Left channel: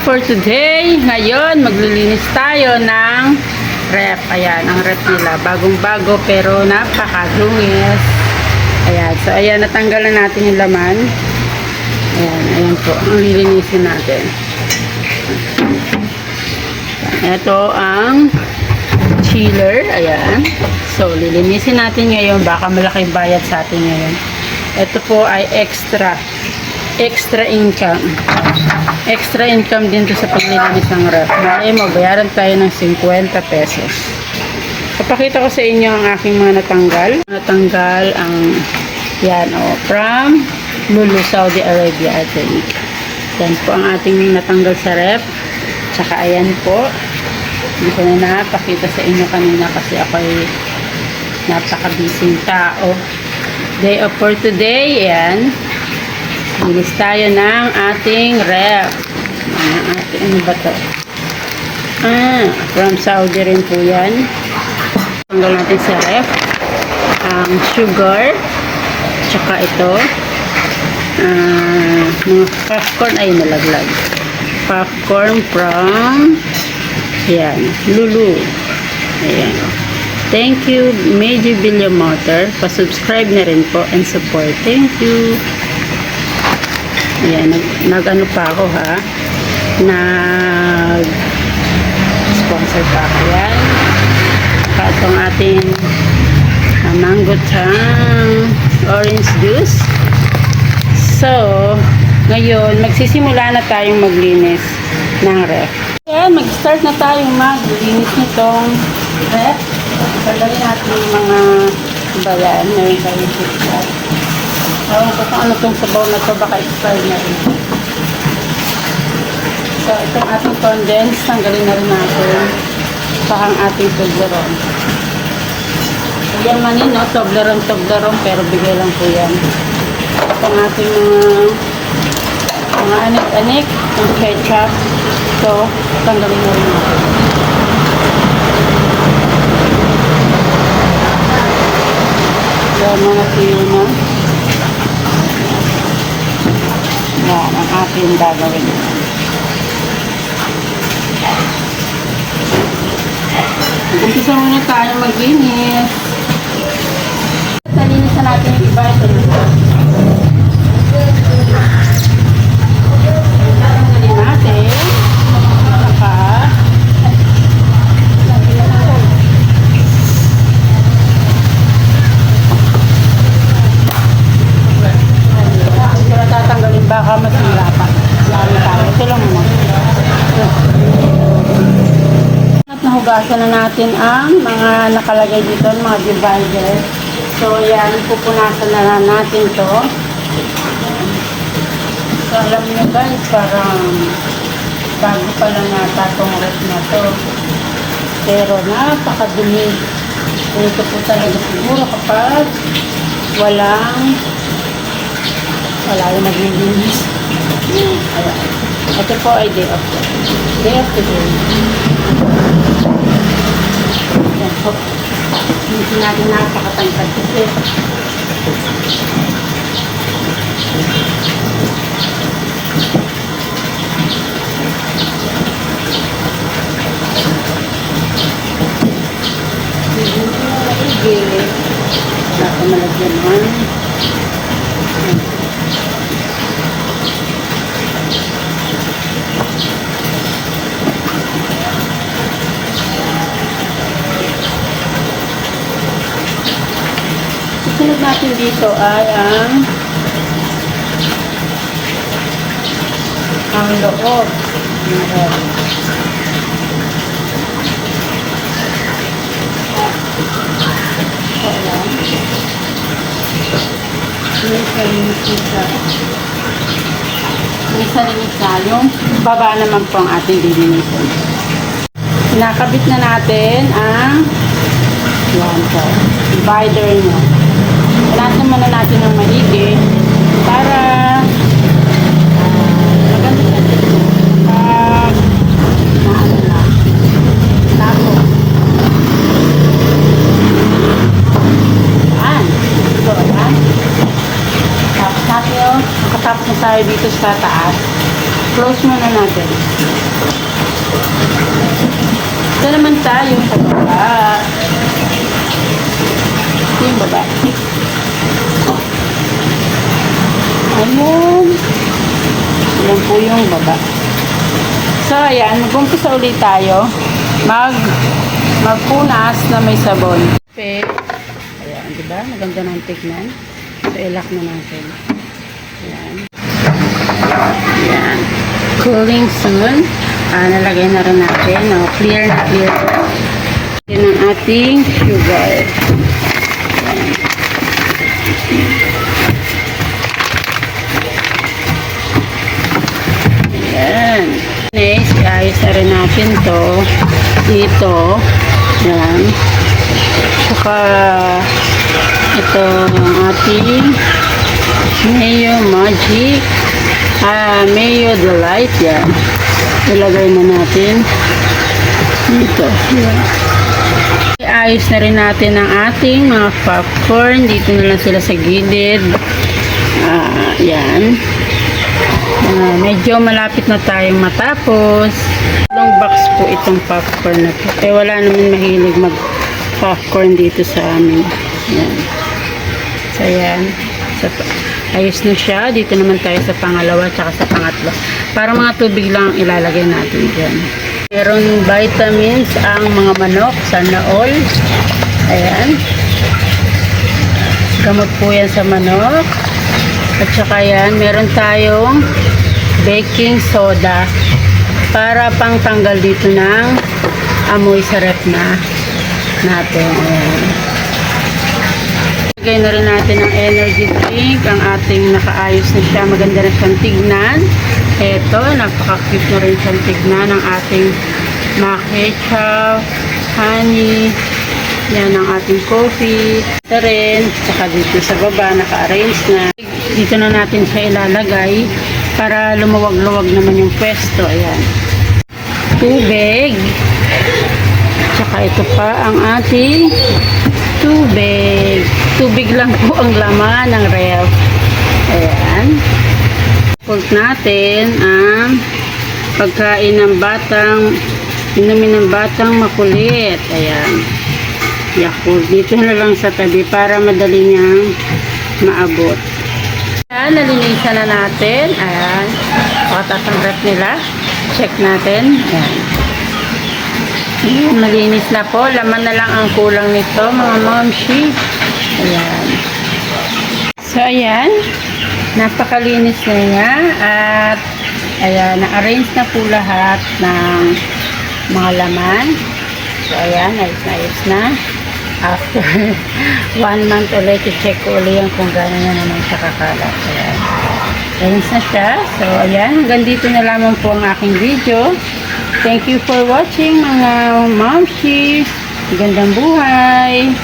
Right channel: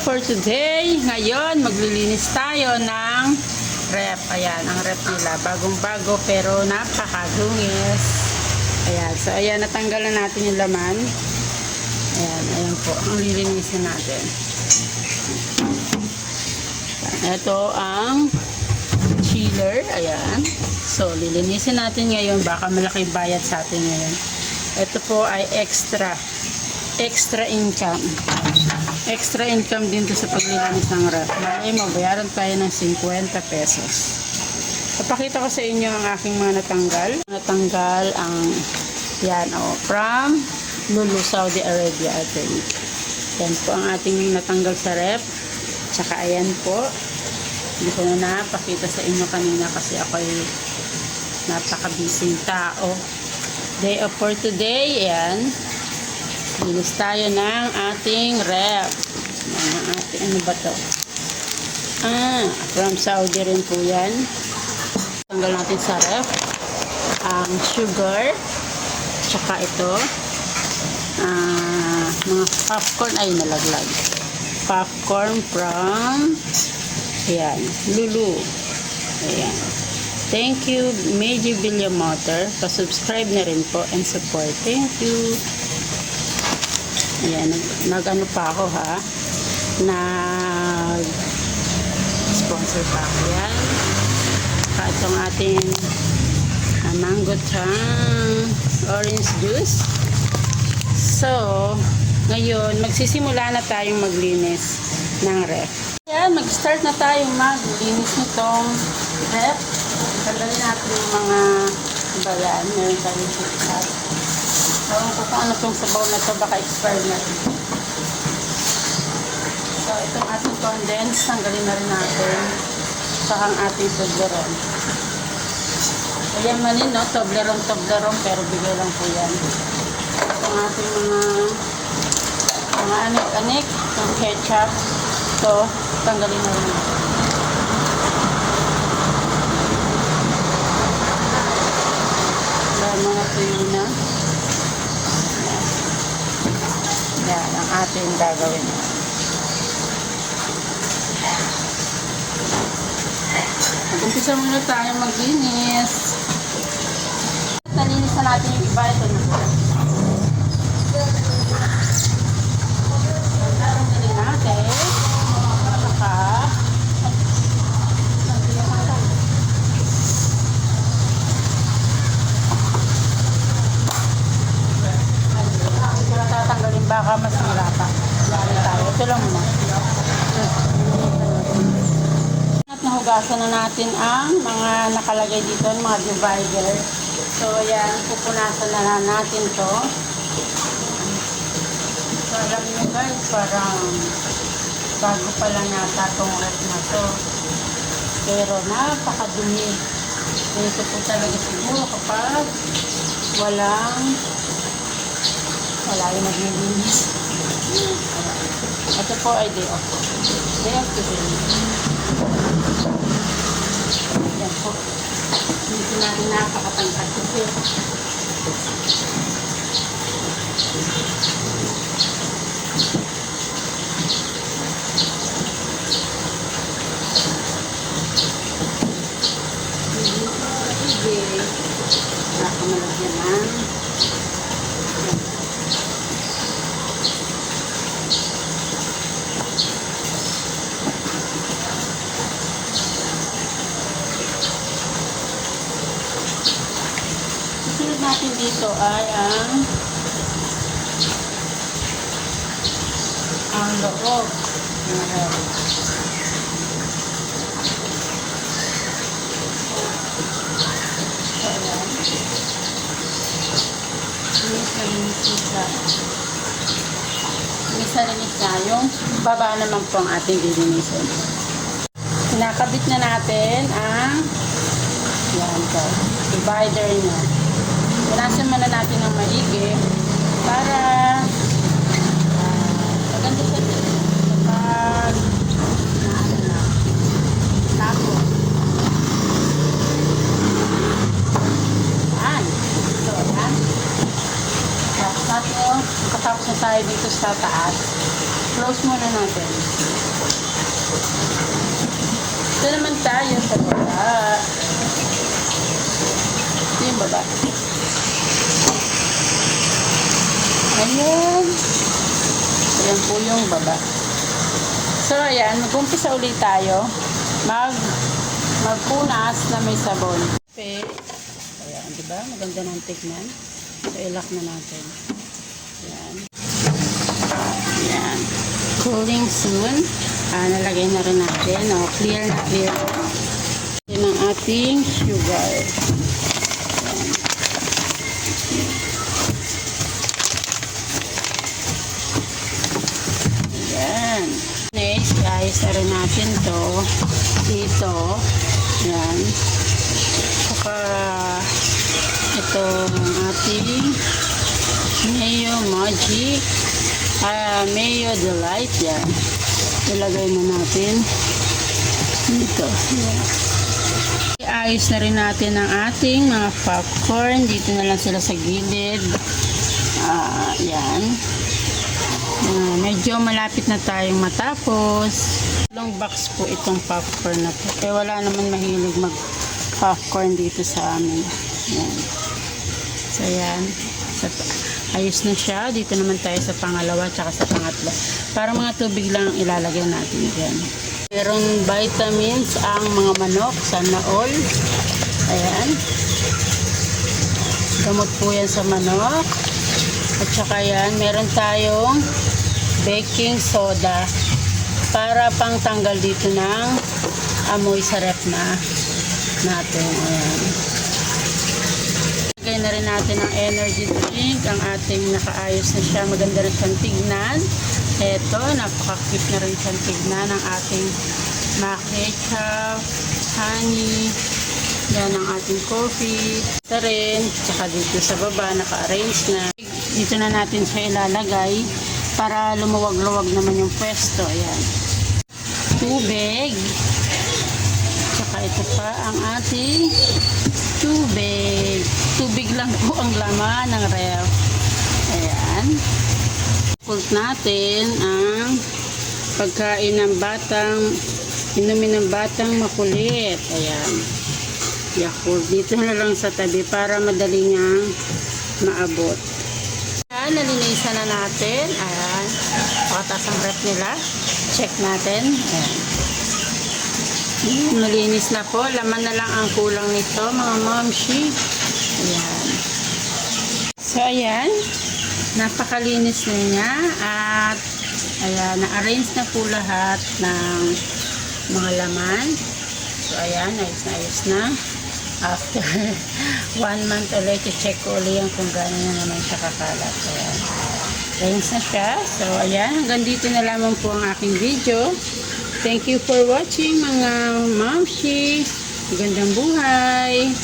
For today, ngayon maglilinis tayo ng rep. Ayan, ang rep nila. Bagong-bago pero napakadungis. Ayan, so ayan, natanggalan natin yung laman. Ayan, ayan po, ang lilinisin natin. Ito ang chiller. Ayan. So, lilinisin natin ngayon. Baka malaking bayad sa atin ngayon. Ito po ay extra income. Extra income din to sa paglilinis ng ref. Malay mo, bayaran tayo ng 50 pesos. Papakita ko sa inyo ang aking mga natanggal. Natanggal ang yan from Lulu, Saudi Arabia, I think. Yan po ang ating natanggal sa ref. Tsaka ayan po. Hindi ko na napakita sa inyo kanina kasi ako ay napaka-busy tao. Day of for today, yan. Linis tayo ng ating ref. Ano ba to? From Saudi rin po yan. Tanggal natin sa ref. Ang sugar. Tsaka ito. Mga popcorn ay nalaglag. Popcorn from yan, Lulu. Ayan. Thank you, Major Billion Motor. Pa-subscribe na rin po and support. Thank you. Ayan, nag-ano pa ako ha. Nag-sponsor pa ako yan. Saka itong ating mango tang orange juice. So, ngayon, magsisimula na tayong maglinis ng ref. Ayan, mag-start na tayong maglinis nitong ref. Tanggalin natin yung mga bayan. Ngayon kayo siya. Ewan ko kung ano itong sabaw na ito, baka expired na rin. So, itong ating condense, tanggalin na rin natin. Saka ang ating Toblerone. So, yan manin, no? Toblerone, pero bigay lang po yan. Itong ating mga anik-anik, itong ketchup. So, tanggalin na rin natin. So, mga tuyo na. Yan ang ating gagawin. Umpisa muna tayo maglinis. Nalinisan natin yung iba. Tanggalin natin. Saka tatanggalin baka masira pa. Lalo tayo. Ito lang muna. At nahugasan na natin ang mga nakalagay dito, mga divider. So, yan. Pupunasan na natin to. So, alam nyo guys, parang bago pa lang yata itong ref na to. Pero napakadumi. Ito po talaga siguro kapag wala yung naglilinis. Ayan. Ito po ay day off. Day off today. Ayan po. Hindi natin nakakatangkad kasi. Gilid. Wala pa malagyan naman. Sunod natin dito ay ang loob. Ayan. Linis na yung baba naman po ang ating dilinisan. Nakabit na natin ang yan po, divider nyo. Punasan muna natin ng maigi para maganda sa dito kapag naano na tapo. Yan. Ito, yan. Tapos natin, nakatapos na tayo dito sa taas. Close muna natin. tayo sa baba. Ito yung baba. Ayun. Ayan po yung baba. So, ayan. Mag-umpisa ulit tayo. Magpunas na may sabon. Okay. Ayan, diba? Maganda ng tignan. So, ilak na natin. Ayan. Ayan. Cooling soon. Nalagay na rin natin. Clear na clear. Yan ang ating sugar. Ayan. Next, ayos na rin natin to dito. Ayan. Saka ito ang ating Mayo Magic. Mayo Delight. Yan. Ilagay na natin dito. Yan. Ayos na rin natin ang ating mga popcorn. Dito na lang sila sa gilid. Yan. Medyo malapit na tayong matapos. Long box po itong popcorn na po. Wala naman mahilig mag popcorn dito sa amin. Yan. So yan. So, ayos na siya. Dito naman tayo sa pangalawa at sa pangatlo. Para mga tubig lang ilalagay natin dyan. Meron vitamins ang mga manok. Sana all. Ayan. Gamot po yan sa manok. At saka yan, meron tayong baking soda para pang tanggal dito ng amoy sa ref natin. Ayan. Lagay na rin natin ang energy drink. Ang ating nakaayos na siya. Maganda na siyang tignan. Ito, napaka-cute na rin siyang tignan ng ating ketchup, honey. Yan ang ating coffee. Ito rin. Saka dito sa baba, naka-arrange na. Dito na natin siya ilalagay para lumuwag-luwag naman yung pwesto. Ayan. Tubig. Saka ito pa ang ating tubig. Tubig lang po ang laman ng ref. Ayan. Pult natin ang pagkain ng inumin ng batang makulit. Ayan. Yakult. Dito na lang sa tabi para madali niyang maabot. Ayan, nalinisan na natin. Ayan. Pakatas ang ref nila. Check natin. Ayan. Ayan, malinis na po. Laman na lang ang kulang nito, mga momshi. Ayan. So, ayan. Napakalinis na niya. At, ayan, na-arrange na po lahat ng mga laman. So, ayan, ayos na. After 1 month ulit, i-check ko ulit yung kung gano'n na naman siya kakalat. Ayan. Ayos na siya. So, ayan, hanggang dito na lamang po ang aking video. Thank you for watching, mga momshi. Magandang buhay!